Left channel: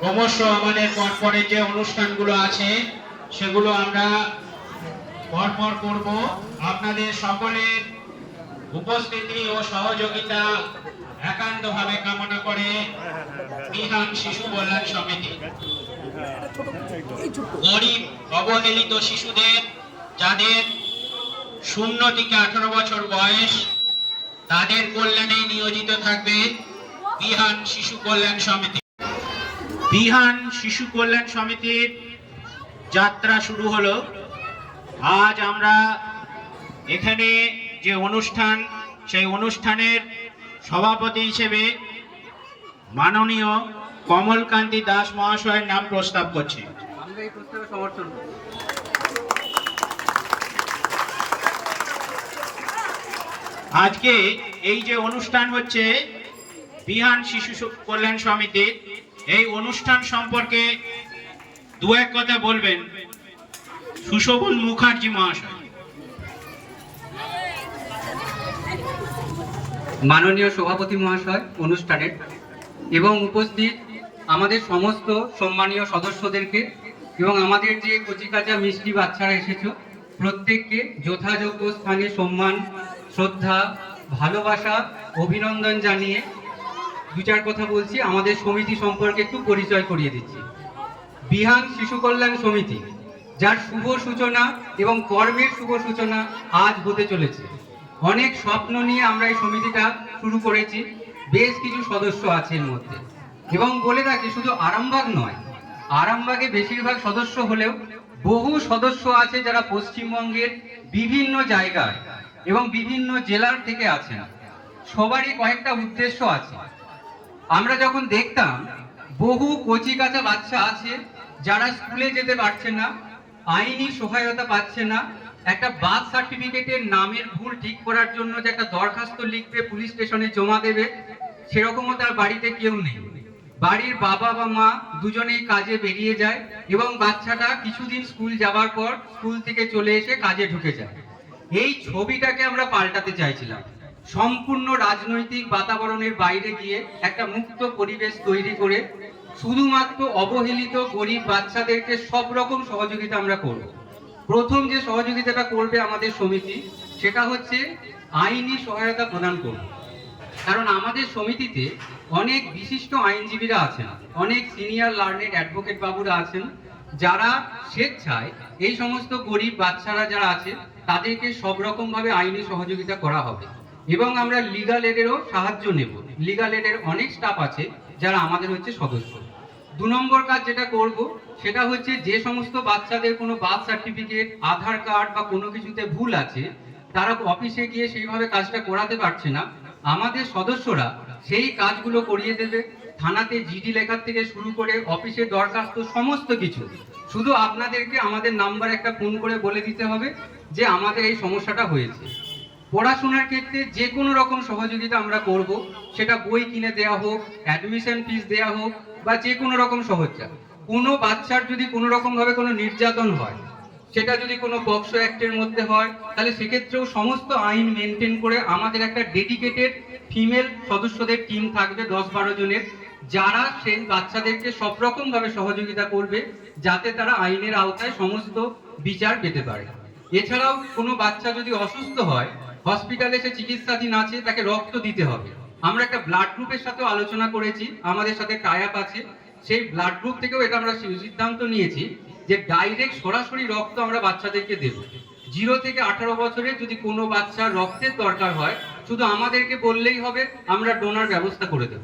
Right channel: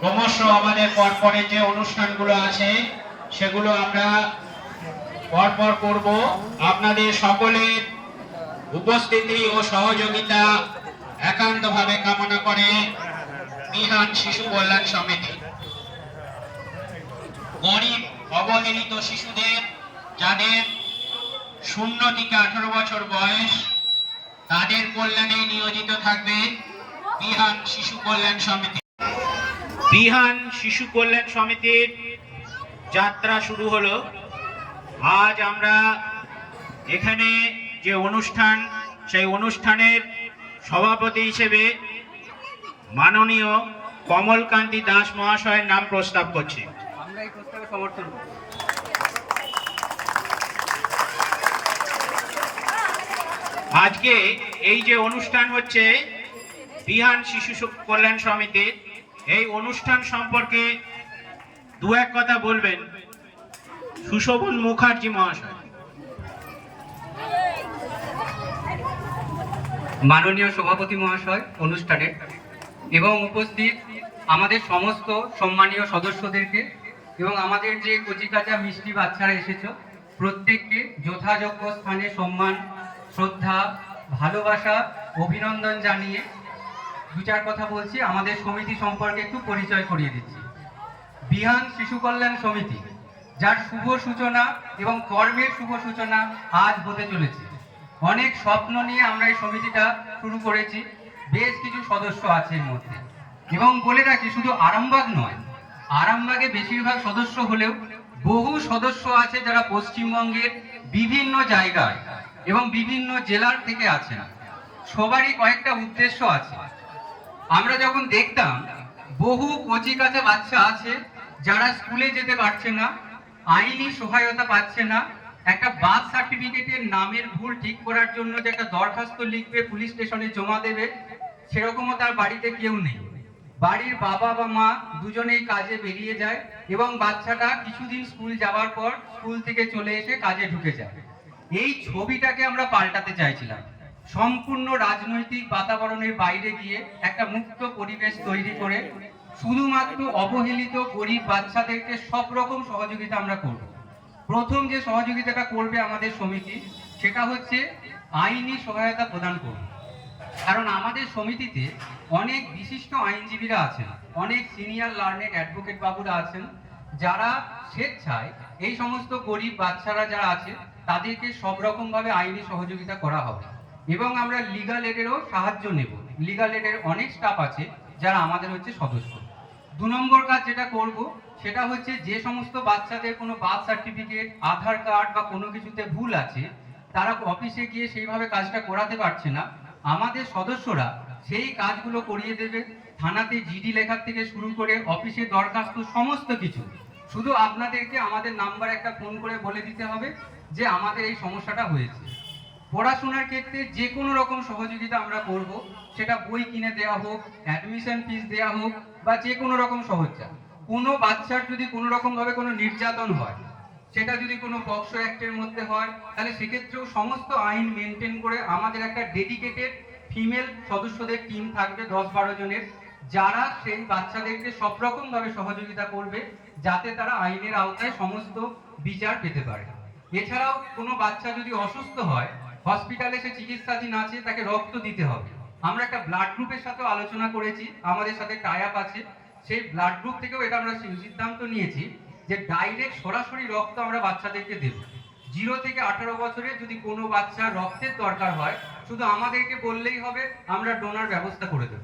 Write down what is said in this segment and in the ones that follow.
ক্রমশ আমাদের পরপরে যে অনুষ্ঠানগুলো আছে, সেগুলো আমরা পরপর করব। আপনাদের সকলের উপস্থিতি ও সহযোগিতা একান্তভাবে কামনা করে শিশু কল্যাণ সমিতি। গরিব, অবহেলিত শিশুদের, যাদের শূন্য থেকে আঠারো বছর বয়স তাদের কল্যাণে নিয়োজিত থাকবে বিহান শিশু কল্যাণ সমিতি। বিহান শিশু কল্যাণ সমিতির যাত্রা শুরু হলো। আজ আমরা এখানে যে অনুষ্ঠান, সেই অনুষ্ঠানের সভাপতি হিসেবে মাননীয় কমলকান্তি দাস মহাশয়ের নাম প্রস্তাব করছি। আমরা এই প্রস্তাবে সমর্থন করি আজকে এই যে অনুষ্ঠান হচ্ছে, বিহান শিশু কল্যাণ সমিতির, এই অনুষ্ঠান সম্পর্কে দু এক কথা বলবেন সুশোভন মুখার্জি মহাশয়। মাননীয় সভাপতি মহাশয় অনুষ্ঠানের এবং উপস্থিত আমাদের সমস্ত সম্মানীয় সদস্যদেরকে এবং আমাদের যে কচিকাচা মিষ্টি বাচ্চারা এসেছ, প্রত্যেককে যথাযোগ্য স্থানে সম্মান শ্রদ্ধা, ভালোবাসা, অভিনন্দন জানিয়ে দু চার কথা বলছি। আমাদের সমিতি সম্পর্কে একটু পরিচয় করিয়ে দিচ্ছি। বিহান শিশু কল্যাণ সমিতি, যার শুভ সূচনা এবং কর্মের শুভ সূচনা আজ হতে চলেছে। অনেক স্বপ্ন নিয়ে আমরা এই সমিতিটা শুরু করেছি। বেশ কিছু সদস্য আছে এর মধ্যে। এবং বলে রাখি, শুধু আরামবাগ নয়, আরামবাগে বেশিরভাগ সদস্য হলেও বহু সদস্য আছে যারা পশ্চিমবঙ্গের বিভিন্ন জায়গায় এবং বিভিন্ন জেলার থেকে আছেন। সবারই কয়েকটা উদ্দেশ্য আছে। আমরা যখন দেখতাম, বহু কচি কাঁচা বাচ্চা আছে যারা স্কুলে যেতে পারছে না, আইনি সহায়তা পাচ্ছে না। একটা বার্থ সার্টিফিকেটের নামের ভুল ঠিক করার জন্য যে একটা দরখাস্ত লিখবে, পুলিশ স্টেশনে জমা দেবে, সেরকমও তার বাড়িতে কেউ নেই। বাড়ির বাবা বা মা দুজনেই কাজে বেরিয়ে যায় এবং বাচ্চাটা কিছুদিন স্কুল যাওয়ার পর স্কুল থেকে চলে এসে কাজে ঢুকে যায়। এই ছবিটাকে আমরা পাল্টাতে চাইছিলাম। সম্পূর্ণ রাজনৈতিক বাতাবরণের বাইরে গিয়ে একটা মুক্ত পরিবেশ তৈরি করে শুধুমাত্র অবহেলিত গরিব বাচ্চাদেরকে সব রকম সহযোগিতা আমরা করব। প্রথম যে সহযোগিতাটা করবে আমাদের সমিতি, সেটা হচ্ছে আইনি সহায়তা প্রদান করব। কারণ আমাদের সমিতিতে অনেক বিশিষ্ট আইনজীবীরা আছেন, অনেক সিনিয়র লার্নেড অ্যাডভোকেট বাবুরা আছেন যারা স্বেচ্ছায় এই সমস্ত গরিব বাচ্চারা যারা আছে, তাদেরকে সব রকম ভাবে আইনি সহযোগিতা করা হবে। এবং আমরা লিগাল এডেরও সাহায্য নেব। লিগাল এডের অনেক স্টাফ আছে যারা আমাদের হচ্ছে সদস্য। দু নম্বর কাজ যেটা করব, সেটা হচ্ছে যে সমস্ত বাচ্চাদের কোনো বার্থ সার্টিফিকেট আধার কার্ড বা কোনো কিছুতে ভুল আছে, তারা অফিসে গিয়ে সেইভাবে কাজটা করাতে পারছে না। আমাদের সদস্যরা সেই কাজগুলো করিয়ে দেবে। থানাতে জিডি লেখার থেকে শুরু করে অফিসে দরখাস্ত সমস্ত কিছু। শুধু আপনাদেরকে আমাদের নাম্বার একটা ফোন করে বলে দিতে হবে যে আমাদের এই সমস্যাটা হয়েছে। পড়াশোনার ক্ষেত্রে যে কোনো রকম সহযোগিতা আমরা করব, সেটা বই কিনে দেওয়া হোক অ্যাডমিশন ফিস দেওয়া হোক, বা যে কোনো রকম সহজা কোনো বাচ্চার যদি কোনো রকম ভাবে কোনো নির্যাতন হয়, সেটা যদি কোনো বক্স অ্যাক্টের মধ্যে হয়, তাহলে সেক্ষেত্রেও সমস্ত আইন মেনটেন করে আমাদের একটা ডেডিকেটেড ফিমেল সদস্যদের টিম থাকবে, দশ বারো জনের। যারা সেই বাচ্চাদেরকে সব রকম ভাবে সহযোগিতা করবে, যাতে তারা আইনের আওতায় সমস্ত বিচার পেতে পারে। এছাড়াও কোনো বাচ্চা যদি অসুস্থ হয়, হসপিটালে সে চিকিৎসাধীন আছে, তাকে রক্ত দিতে হবে। আমরা একটা ব্লাড গ্রুপের সাথেও আলোচনা করেছি, আমাদের সাথে টাই আছে। সেই ব্লাড গ্রুপ থেকেও এটা আমরা সিদ্ধান্ত নিয়েছি যে ডাইরেক্ট সরাসরি রক্ত আমরা বাচ্চাদেরকে দেব। জিরো থেকে আঠারো বছরে যদি কোনো বাচ্চার রক্তের দরকার হয়, শুধু আমাদেরকে বললেই হবে, আমরা ডোনার ব্যবস্থা করে দেব।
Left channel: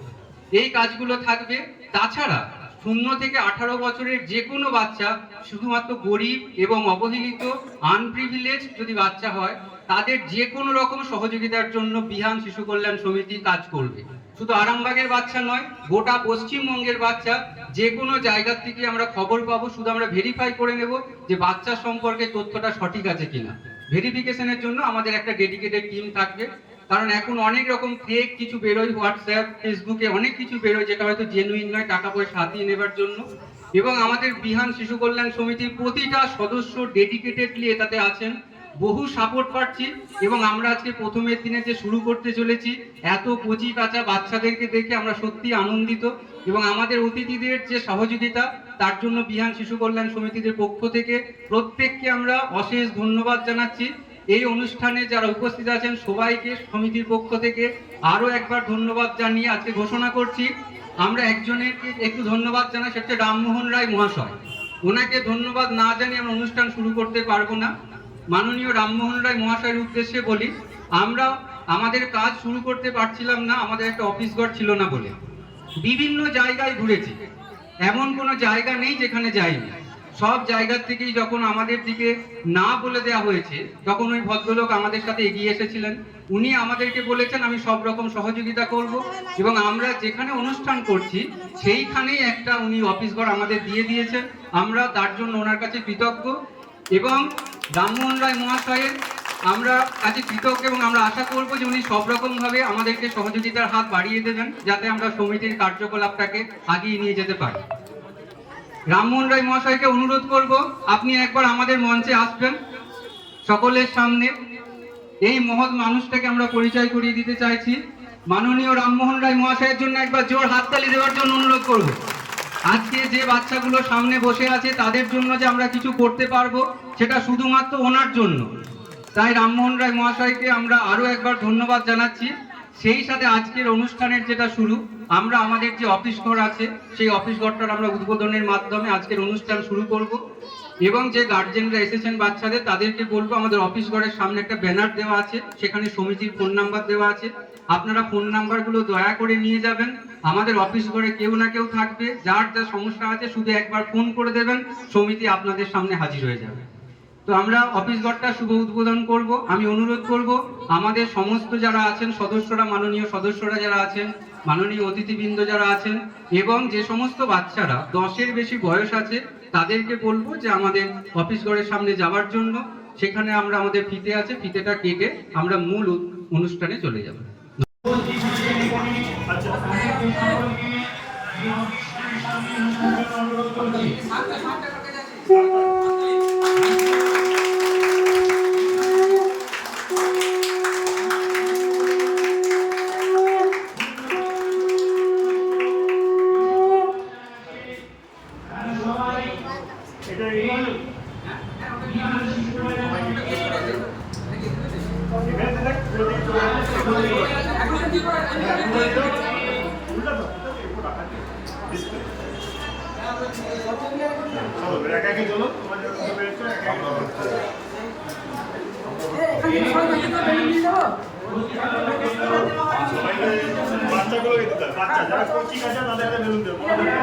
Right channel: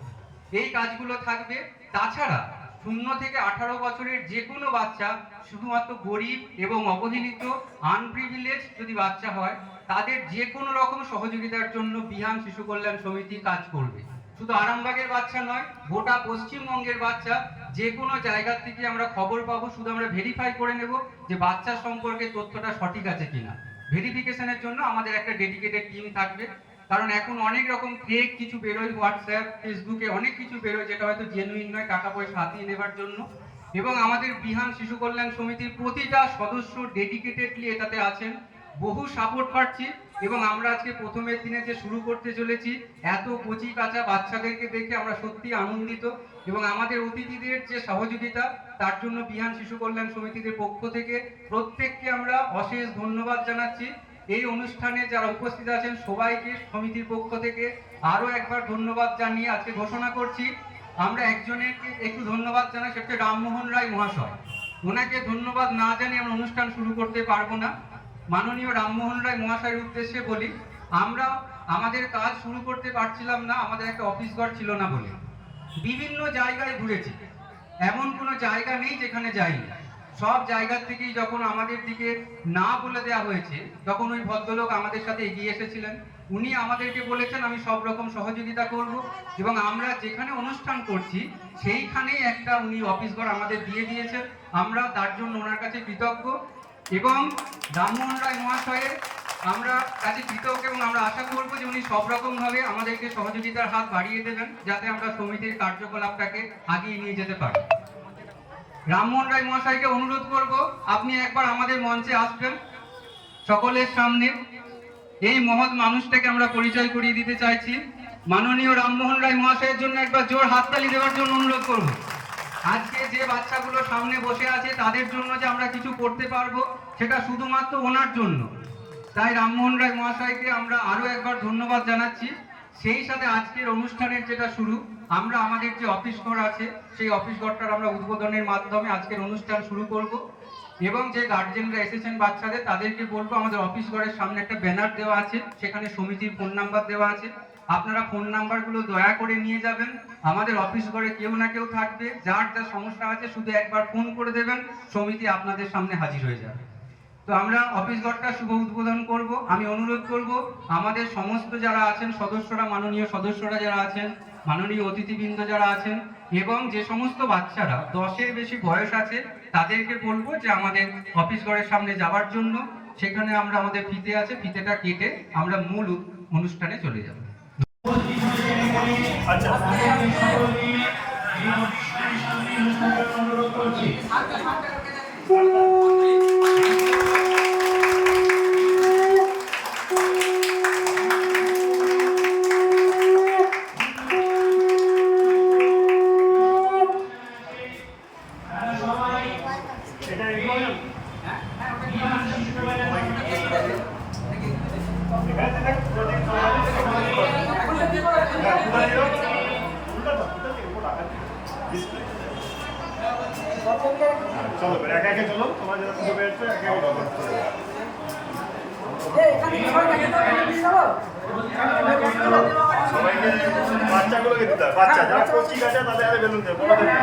এই কাজগুলো থাকবে, তাছাড়া শূন্য থেকে আঠারো বছরের যে কোনো বাচ্চা, শুধুমাত্র গরিব এবং অবহেলিত আনপ্রিভিলেজ যদি বাচ্চা হয়, তাদের যে কোনো রকম সহযোগিতার জন্য বিহান শিশু কল্যাণ সমিতি কাজ করবে। শুধু আরামবাগের বাচ্চা নয়, গোটা পশ্চিমবঙ্গের বাচ্চা যে কোনো জায়গা থেকে আমরা খবর পাবো, শুধু আমরা ভেরিফাই করে নেব যে বাচ্চা সম্পর্কে তথ্যটা সঠিক আছে কিনা। ভেরিফিকেশনের জন্য আমাদের একটা ডেডিকেটেড টিম থাকবে। কারণ এখন অনেক রকম ফেক কিছু বেরোয় হোয়াটসঅ্যাপ ফেসবুকে অনেক কিছু বেরোয়, যেটা হয়তো জেনুইন নয়, টাকা পয়সা হাতিয়ে নেবার জন্য। এবং আমাদের বিহান শিশু কল্যাণ সমিতির প্রতিটা সদস্য ডেডিকেটেডলি এটাতে আছেন। বহু সাপোর্ট পাচ্ছি এবং আমরা আজকে প্রথমের দিনে যে শুরু করতে চলেছি, এত কচি কাঁচা বাচ্চাদেরকে দেখে আমরা সত্যি আনন্দিত। এবং আমাদের অতিথিদের যে সহযোগিতা, তার জন্য বিহান শিশু কল্যাণ সমিতিদের পক্ষ থেকে প্রত্যেককে আমরা অশেষ ধন্যবাদ জানাচ্ছি। এই অনুষ্ঠানে যারা উপস্থিত আছেন সবাইকে সমিতির পক্ষ থেকে আরও একবার ধন্যবাদ জানিয়ে আজকে ঘোষণা করছি। আমরা একজনের একটু ধন্যবাদ জানাই, সেটা হচ্ছে রামমোহন রায় মহাশয়। ওনাকে ধন্যবাদ না জানিয়ে আমরা অনুষ্ঠান শুরু করতে পারব না। মাননীয় রামমোহন রায় মহাশয়ের উদ্দেশ্যে বলি, আমরা আমাদের কাজ শুরু করতে পারছিলাম না, আমাদের একটা অফিস ঘর ছিল না বলে। বিভিন্ন জায়গায় ঘুরেছি। এমন কোনো জায়গা নেই যেখানে যাইনি। সব জায়গার থেকেই যখন আমাদের দিকে না বলে দেওয়া হয়েছে, তখন ওই ভদ্রলোক আমাদের সাথে এগিয়ে এসেছিলেন। উনি আমাদেরকে বলেছেন, আমি সব রকম সহযোগিতা করব এবং আমরা যেখানে অনুষ্ঠান করছি, সেইখানেই একটা উনি অফিস ঘর আমাদের দিয়ে দিয়েছেন। আমরা তার জন্য ওনার কাছে কৃতজ্ঞ এবং রামমোহন রায় মহাশয়ের আমরা আজকে কৃতজ্ঞ এবং আমরা আশা করব যে উনি সব রকমভাবে আমাদেরকে সহযোগিতার হাত বাড়িয়ে দেবেন, যাতে আমরা সমিতির কার্যকলাপটাকে আগিয়ে নিয়ে যেতে পারি। রামমোহন রায় মহাশয়কে অনুরোধ করব, আপনি একবার আমাদের মঞ্চে আসবেন, সকলের সামনে। এই মহৎ মানুষটাকে আমরা পরিচয় করিয়ে দিতে চাইছি। মাননীয় রামমোহন রায় মহাশয়ের জন্য একবার জোর হাততালি দেওয়ার জন্য অনুরোধ করব। আজকে যে বাচ্চাগুলো সামনে বসে আছে, তাদের জন্য যে আমরা কিছু করতে পারব, সেটা শুধুমাত্র ওনার জন্য। তাই রামমোহন রায় মহাশয়কে আমরা আরও একবার ধন্যবাদ জানাচ্ছি। সেই সাথে আজকের অনুষ্ঠানের যেটা শুরু, আমরা আমাদের যে অফিস ঘর আছে, সেই অফিস ঘরটার আমরা উদ্বোধনের মাধ্যমে আজকের অনুষ্ঠান শুরু করব এবং যে গার্জেনরা এসেছেন বাচ্চাদের, তাদেরকে বলব, আমাদের অফিস ঘরের সামনে একটা ব্যানার দেওয়া আছে, সেখানে সমিতির ফোন নাম্বার দেওয়া আছে। আপনারা ফোন নাম্বারগুলো দয়া করে নিয়ে যাবেন। আমাদের অফিস ঘরে কেউ না কেউ থাকবে, যার যা সমস্যা আছে শুধু একবার ফোন করে দেবেন, সমিতি আপনাদের সামনে হাজির হয়ে যাবে। তো আমরা অফিস ঘরটা শুভ উদ্বোধন করব। আমি অনুরোধ করব, আমাদের সমস্ত যারা আছেন, সদস্যরা, মাননীয় সদস্যরা যারা আছেন, মাননীয় অতিথিবৃন্দ যারা আছেন, এবং যে সমস্ত বাচ্চারা দশের বেশি বয়স আছে, তাদেরকে বলব যে আমাদের অফিস ঘরের সামনে যাওয়ার জন্য, সেখানে আমরা আমাদের ফিতে আছে, ফিতেটা কেটে আমরা মূল অনুষ্ঠানে চলে যাব। চলো একা একে চলো তোমার যখন বেরোচ্ছ একা একে চলো। সবাইকে বাচ্চাগুলোকে দিতে হবে বাচ্চা যারা কচি কাছে তাদের হাতে বেলুন দেবে বড়দের না।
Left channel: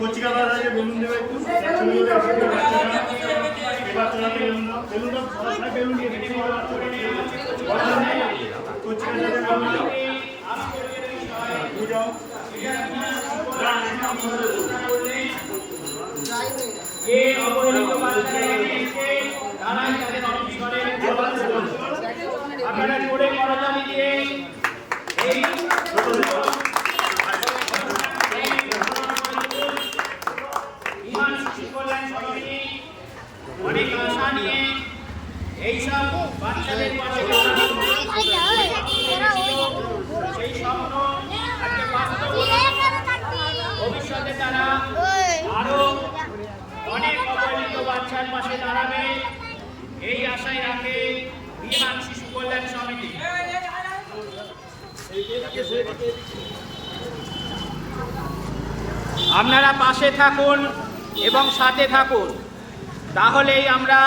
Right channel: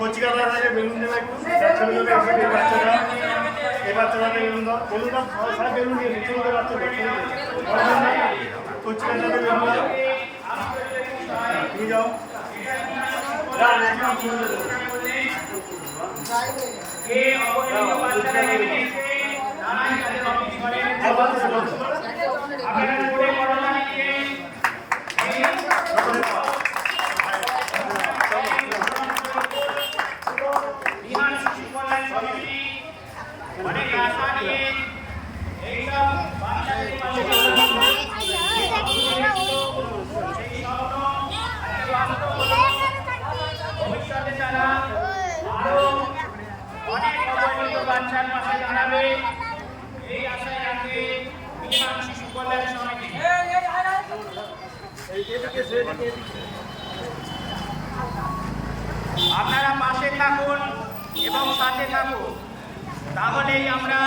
কচি কালার হাতে বেলুন দেবে একটু যারা ছোট ছোট একটু এই বাচ্চারা এই বাচ্চারা হাতে বেলুন দাও বেলুন দাও সবাই সবাই বেলুন দিয়ে দিচ্ছে এই বাচ্চারা বড়দের না। কচি কাছে হাতে বেলুন দাও হ্যাঁ, তুমি যাও অনেক আশা নিয়ে এইসব বাচ্চাদের পাশে সেই স্বপ্ন আজকে বাস্তব ভবিষ্যতে তারা আরও অনেক প্রয়োজনীয় বাচ্চার পাশে দাঁড়াবে এই আশায় রাখে বিমান শিশু কল্যাণ সমিতি আপনারা পাশে থাকুন এবং সাথে থাকুন তাহলেই আমরা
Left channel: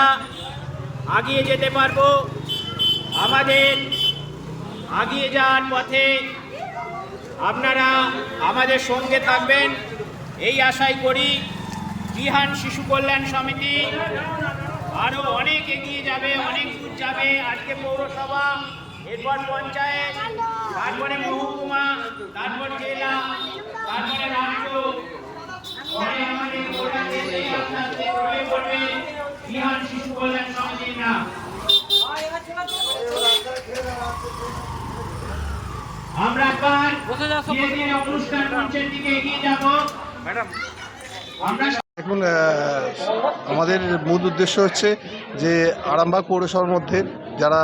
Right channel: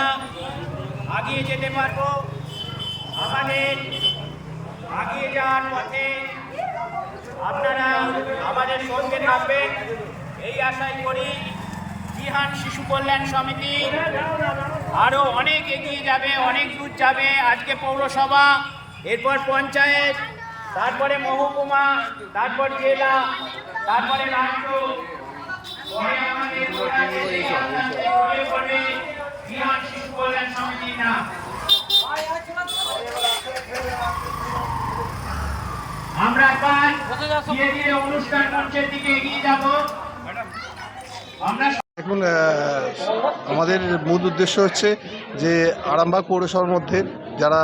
আগিয়ে যেতে পারব আমাদের আগিয়ে যাওয়ার পথে। আপনারা আমাদের সঙ্গে থাকবেন। এই আশাই করি বিহান শিশু কল্যাণ সমিতি আরও অনেক এগিয়ে যাবে, অনেক দূর যাবে। আজকে পৌরসভা, এরপর পঞ্চায়েত, তারপরে মহকুমা, তারপর জেলা, তারপরে রাজ্য। শিশু কল্যাণ সমিতির নাম। আমরা ধীরে ধীরে অনুষ্ঠান মঞ্চের দিকে এগিয়ে যাব। আমরা দেখুন আমাদের মূল উদ্দেশ্য হচ্ছে যে আরামবাগ পৌরসভার মধ্যে যারা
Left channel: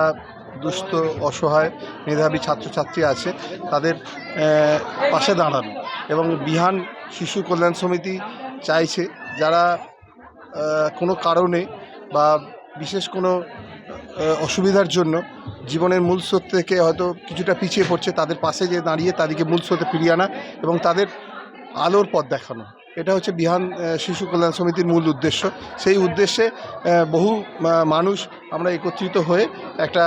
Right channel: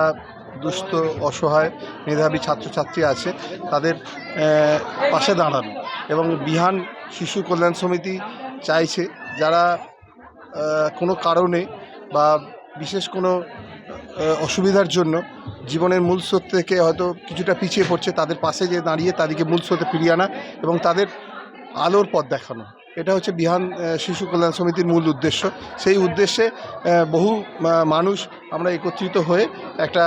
দুস্থ অসহায় মেধাবী ছাত্রছাত্রী আছে তাদের পাশে দাঁড়ানো এবং বিহান শিশু কল্যাণ সমিতি চাইছে যারা কোনো কারণে বা বিশেষ কোনো অসুবিধার জন্য জীবনের মূল স্রোত থেকে হয়তো কিছুটা পিছিয়ে পড়ছে, তাদের পাশে যে দাঁড়িয়ে তাদেরকে মূল স্রোতে ফিরিয়ে আনা এবং তাদের আলোর পথ দেখানো। এটা হচ্ছে বিহান শিশু কল্যাণ সমিতির মূল উদ্দেশ্য। সেই উদ্দেশ্যে বহু মানুষ আমরা একত্রিত হয়ে একটা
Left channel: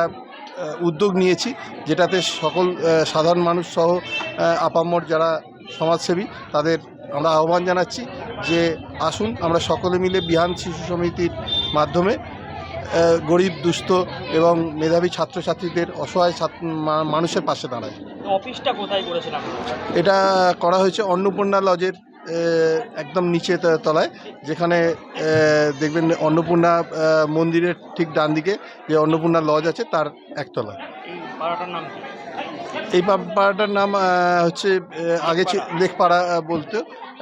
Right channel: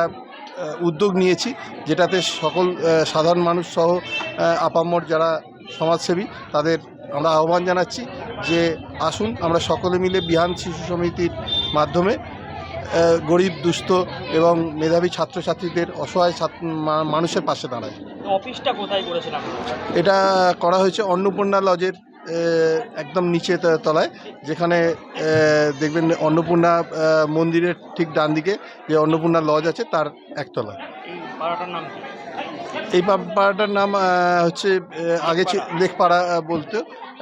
উদ্যোগ নিয়েছি, যেটাতে সকল সাধারণ মানুষ সহ আপামর যারা সমাজসেবী, তাদের আমরা আহ্বান জানাচ্ছি যে আসুন, আমরা সকলে মিলে বিহান শিশু সমিতির মাধ্যমে গরিব দুস্থ এবং মেধাবী ছাত্রছাত্রীদের অসহায় মানুষের পাশে দাঁড়ায়। অফিসটা কোথায় করেছিলাম এটা করা হয়েছে অন্নপূর্ণা লজের একদম নিচে তলায় যেখানে দেখবেন অন্নপূর্ণা মন্দিরের ঠিক ডান দিকে যে অন্নপূর্ণা লজ আছে তার একতলায়। পাড়াটার নাম কি? এই পাড়াটার নাম হচ্ছে আগে ছিল লেকপাড়া বলতো।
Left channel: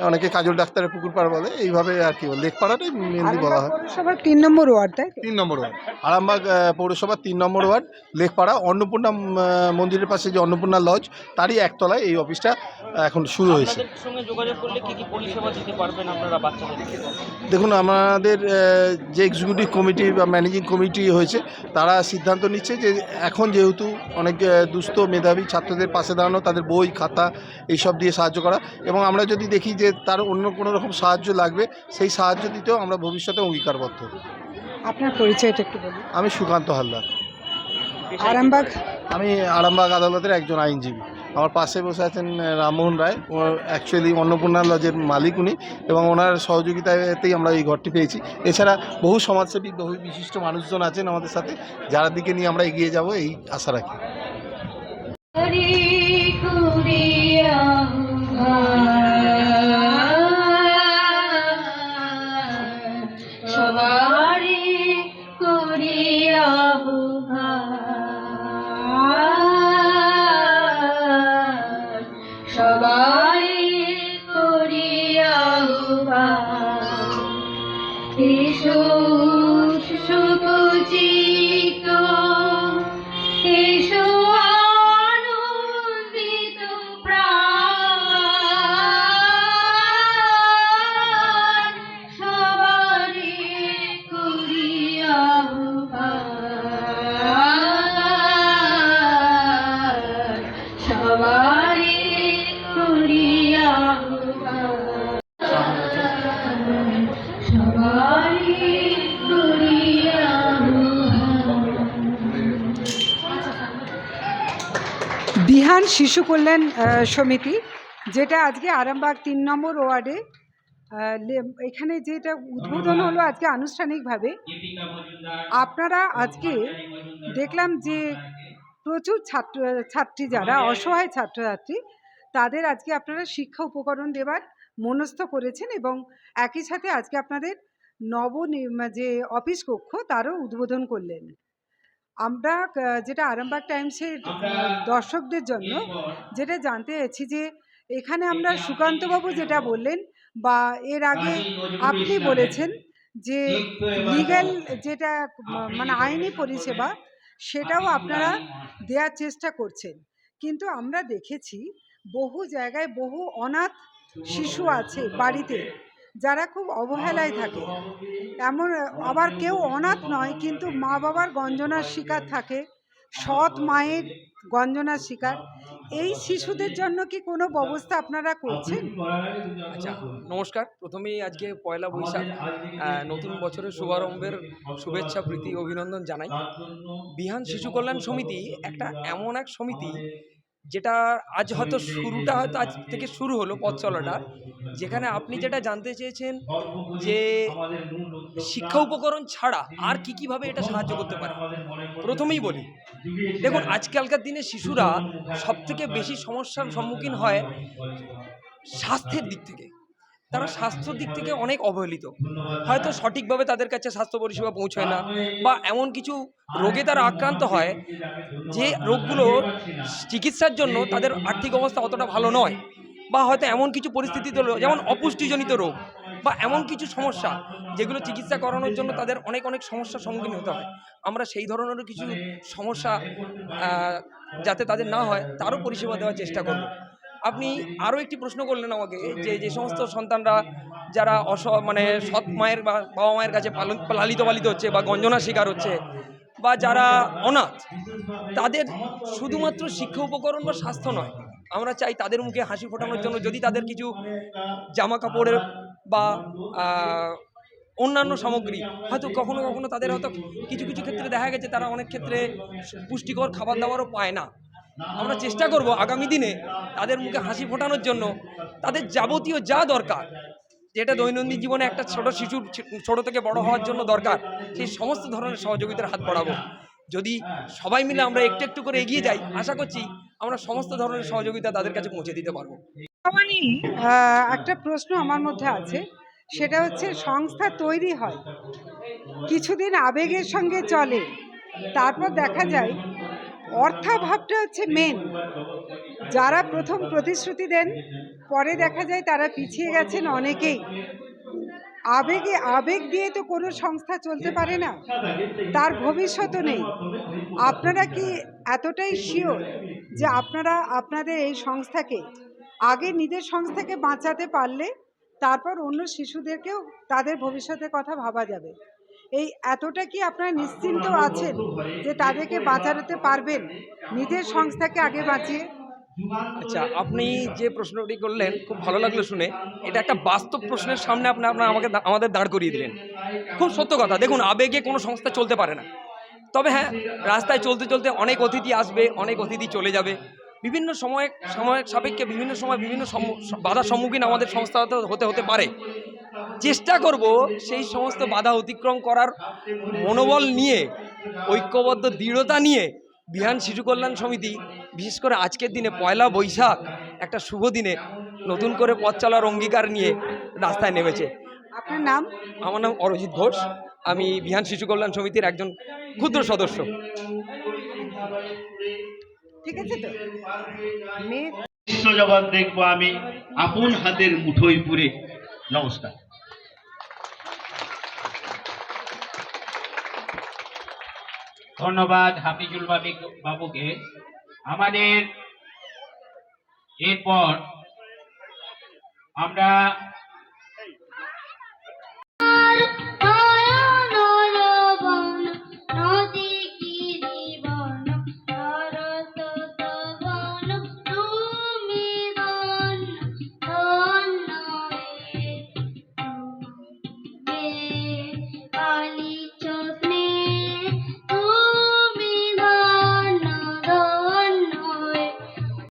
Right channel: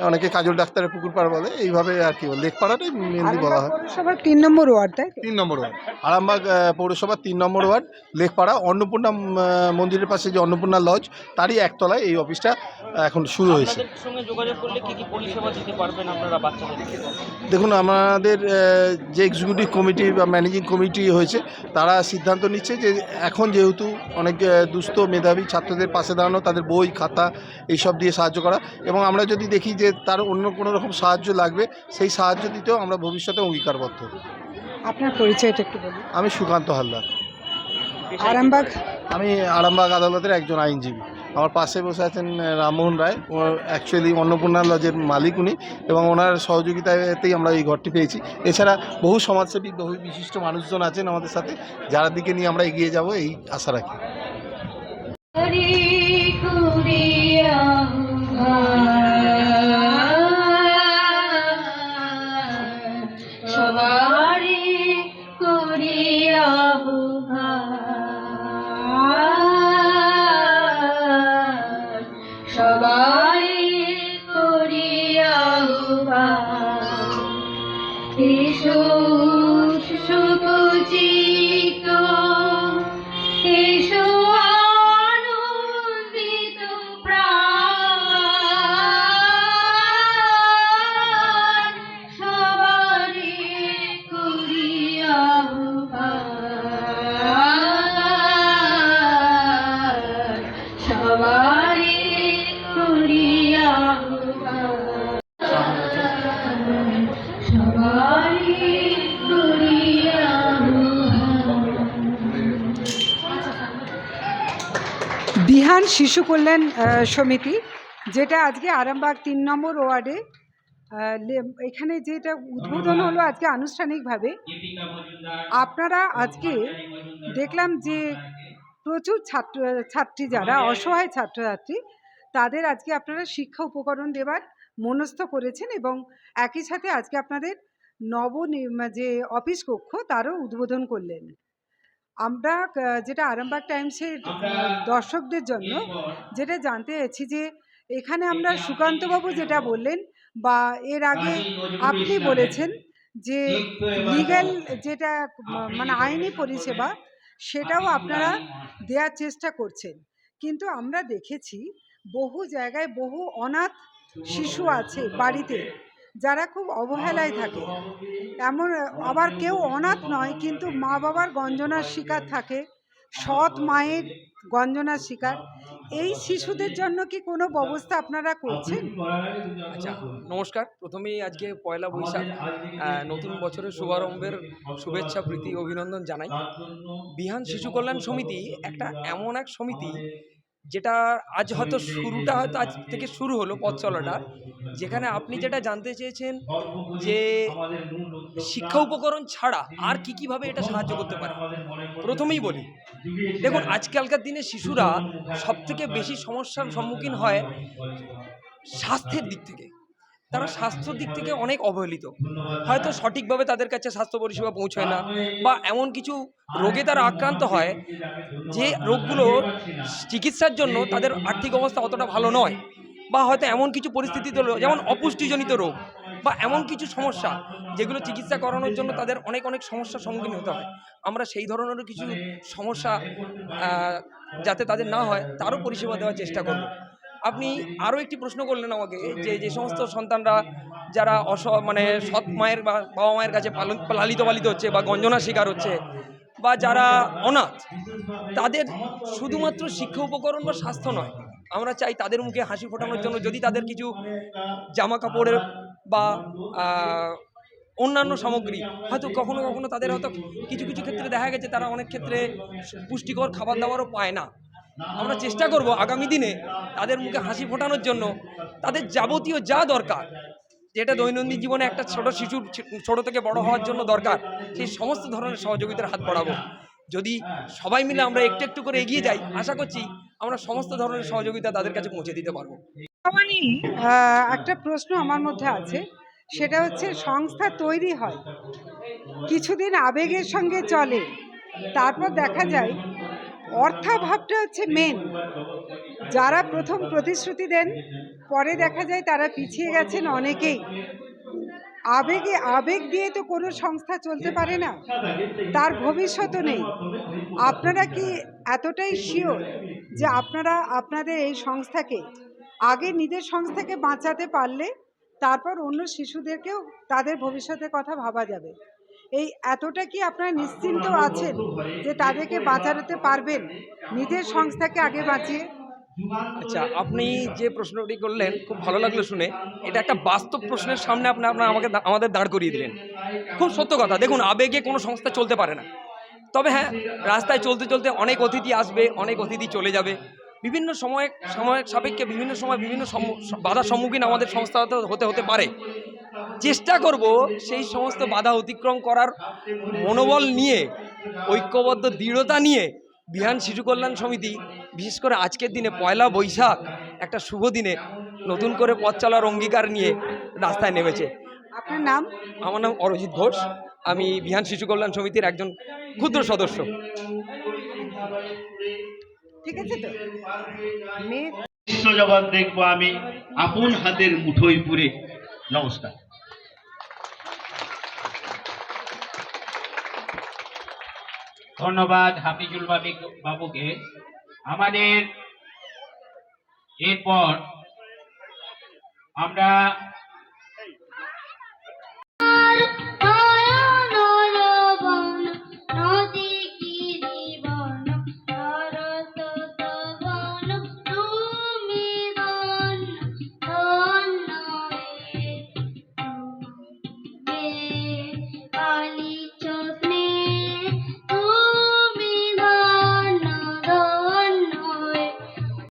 অনেকে কাজল ডাক্তারের পুকুর পাড়া বলে এইভাবে আর কি বলে লেকপাড়াটাই মেনলি বলা হয়। পৌরসভার তিন নম্বর ওয়ার্ড তাই তিন নম্বর ওয়ার্ড। আরামবাগ পৌরসভার তিন নম্বর ওয়ার্ড লেকপাড়া অন্নপূর্ণা মন্দিরের পাশে যে অন্নপূর্ণা লজ তারই একতলায় এই অফিসটা এখন শুরু হয়েছে। আপনাদের সঙ্গে যোগাযোগ করলে কি কি পরিষেবা দিতে পারবেন আপনারা বাচ্চাদেরকে দেখুন আমাদের যে এক্সিকিউটিভ কমিটি বা ম্যানেজিং কমিটি হয়েছে তারা সিদ্ধান্ত নিচ্ছে যে এখন যেহেতু অনেক দুস্থ মেধাবী ছাত্রদের পাশে দাঁড়ানো তাদের বই খাতা এইসব দিয়ে সাহায্য করা এবং আমরা যদি দেখি যে তার অন্য কোনো রকম সাহায্য লাগবে সেই সাহায্য দিতেও আমরা ভবিষ্যতে অঙ্গীকারবদ্ধ। আপনার পরিচয়টা একটু বলুন। আমি সুকান্ত হালদার। আরামবাগ? আমি আরামবাগ আদালতের একজন আইনজীবী। আমার পাশে বসে আছেন রামমোহন রায়। ও অ্যাকচুয়ালি অন্নপূর্ণা লজের মালিক উনি এবং ওনার সহযোগিতাতেই আমরা এই ঘরটি পেয়েছি। এছাড়া বহু সমাজসেবী বহু বিশিষ্ট মানুষজন আছেন আমাদের সাথে। যারা দিকে নিয়ে আমরা এগিয়ে যাব এই আশা রাখি। হরি কুড়িয়া শিশু কল্যাণ সমিতি, যেটা আজকে আরামবাগ তিন নম্বর ওয়ার্ডে এখানে যেটা উদ্বোধন হলো আজকে আনুষ্ঠানিকভাবে, আপনারা আজকে দেখলাম যে প্রচুর ছাত্র, ছাত্রী যারা, অসহায় ছাত্রছাত্রী, তাদের আজকে আপনারা শিক্ষা উপকরণ দেবার মনস্থ করেছেন এবং একই সাথে আজকে আপনাদের নব যে অফিস কক্ষ, তারও উদ্বোধন করলেন। আমরা যেটা আরামবাগ টাইমসের দর্শকদের জন্য যেটা জানতে চাইছি যে এখানে আমরা সুকান্তবাবু যেটা বললেন বা এর আগে আপনি বলেছেন যে লিগ্যাল যেটা মানে আইনি পরিষেবা সেটাও আপনারা দেওয়ার চেষ্টা করছেন। কিন্তু আমরা দেখেছি বহু জায়গায় বহু অনাথ শিশু আছে। বাড়িতে। যারা খুব অবহেলায় থাকে। এমন, আবার কেউ অনাথ নয়, কিন্তু মা বাবার গঞ্জনার শিকার থাকে, সৎ মায়ের গঞ্জনার শিকার। এই শিশুদের জন্য কি কোনো ব্যবস্থা আপনারা করছেন? আচ্ছা নমস্কার। প্রথমেই আজকে পয়লা বৈশাখ নতুন বছরের শুভারম্ভের শুভেচ্ছা, প্রীতি, অভিনন্দন জানাই। বিহান শিশু কল্যাণ সমিতি একটা এমন এক সমিতি যেটা আজ হয়তো শুরুটা হয়তো আজ থেকে শুরু হলো পথ চলাটা, যেখানে আপনি যেটা জানতে চেয়েছেন যে শিক্ষা উপকরণ ছাড়া আর কি কীভাবে এটা সাহায্য করতে পারে? প্রথমেই বলি, দেখুন, আজকালকার দিনে শিশুরা সব থেকে বেশি সমস্যার সম্মুখীন হয় স্বাস্থ্যের দিক থেকে। তারা স্বাস্থ্যর দিক থেকে অনেক অবহেলিত। হয়তো সঠিকভাবে তাদের কাছে স্বাস্থ্য পরিষেবা পৌঁছায় না বা এমন কিছু রোগে তারা আক্রান্ত হয়, যে রোগগুলো চিকিৎসার জন্য তাদের আর্থিক অবস্থা অতটা ভালো নয় বা হয়তো এমন কিছু পরিস্থিতি হলো যেমন অপুষ্টিজনিত রোগ বা এমন কিছু সমস্যা যেগুলো চিকিৎসা করানোর জন্য তাদের অনেক অনেক সমস্যার সম্মুখীন হতে হয়। আমরা সেই ধরনেরও কিছু সমস্যা যাতে তাদের না হয়, তারও পরিষেবা দেওয়ার চেষ্টা করব। আপনি আরও একটি প্রশ্ন করলেন আমাকে যে যে সমস্ত সন্তানরা যারা অস মানে সৎ মায়ের বা বাবা মায়ের কাছে পালন লালিত পালিত হচ্ছে বা গঞ্জনার শিকার হচ্ছে বা যারা অনাথ তাদের শুধুমাত্র শিক্ষা উপকরণ বা স্বাস্থ্য নয় আমরা চাই তাদের মুখে হাসি ফোটানোর জন্য যদি তাদের কিছু জামা কাপড়ের বা অন্যান্য সামগ্রী হয়তো কখনো কখনো তাদের হয়তো কিছু কিছু ক্ষেত্রে দেখা গেছে তারা অনেক ক্ষেত্রে পুষ্টিকর খাবার দাবারও পায় না। আমরা চেষ্টা করব আগামী দিনে তাদের মুখে হাসি ফোটানোর জন্য, তাদের যাবতীয় যা দরকার, যেটা দৈনন্দিন জীবনে একটা ছোট শিশুর ছোট থেকে বড় হওয়ার জন্য দরকার, সেই সমস্ত ধরনের সহযোগিতার হাত বাড়াবো। যদি সবাই মিলে আমরা একটু একটু করে এগিয়ে যাই, আশা করছি আমরা সমস্ত ধরনের সহযোগিতা তাদের কাছে পৌঁছে দিতে পারব। একটা প্রশ্ন আমার মধ্যে আছে, সেটা হচ্ছে সংস্থা তৈরি হয়, কিছুদিন আবেগের সঙ্গে চলে, তারপর দেখা যায় অর্থাভাবটা হচ্ছে মেন যারা প্রথম প্রতিশ্রুতি দেন, পরে দেখা যায় তারা পিছিয়ে গেছেন অনেকেই। আবেগে, আবেগ দিয়ে তো কোনো সংস্থা চলতে পারে না। তার ভবিষ্যৎও নেই। আপনারা কি এতটাই শিওর যে আপনারা আপনাদের এই সংস্থাকে, আগে নিজের সংস্থাকে বাঁচাতে পারলে তারপর অন্য শিশুদেরকেও তাদের ভবিষ্যতের কথা ভাবা যাবে? এই এতটা কি আপনারা নিশ্চিন্ত আছেন যে তাদেরকে বাঁচাতে পারবেন? নিজের সংস্থাকে আগে বাঁচিয়ে। আচ্ছা আপনি যে প্রশ্নটি করলেন, খুব ভালো লাগল শুনে। এটা একটা বাস্তব প্রশ্নের সামনে আপনি আপনার আমাকে আমাদের দাঁড় করিয়ে দিলেন। খুব সত্য কথা। দেখুন, আবেগে কোনো সংস্থা চলতে পারে না। তবে হ্যাঁ রাস্তায় চলতে চলতে অনেক অতিথি আসবে, অনেক অতিথি চলে যাবে। বিভিন্ন সময় সময়ের সাপেক্ষে বিভিন্ন সময় বিভিন্ন বাধার সম্মুখীন আমাদের সংস্থা হতে- হতে হতে পারে। চেষ্টা করব সেই সমস্ত বাধা অতিক্রম করার মনোবল নিয়ে ঐক্যবদ্ধ দৃঢ়তা নিয়ে বিহান শিশু কল্যাণ সমিতি বিশেষ করে আজকের দিনে পয়লা বৈশাখ একটা শুভ দিনে নতুন করে পথ চলার অঙ্গীকার নিয়ে রাস্তায় নেমেছে। আপনার নাম? আমার নাম অরজিৎ ঘোষ। আমি বিহান শিশু কল্যাণ সমিতির একজন ক্ষুদ্র সদস্য। ঠিক আছে তো? দেখব আমি আপন হাতের মুঠোয় পুরে। নমস্কার। ধন্যবাদ হাফিজুল বাবি বাবুকে। আমাদের এরপর আমরা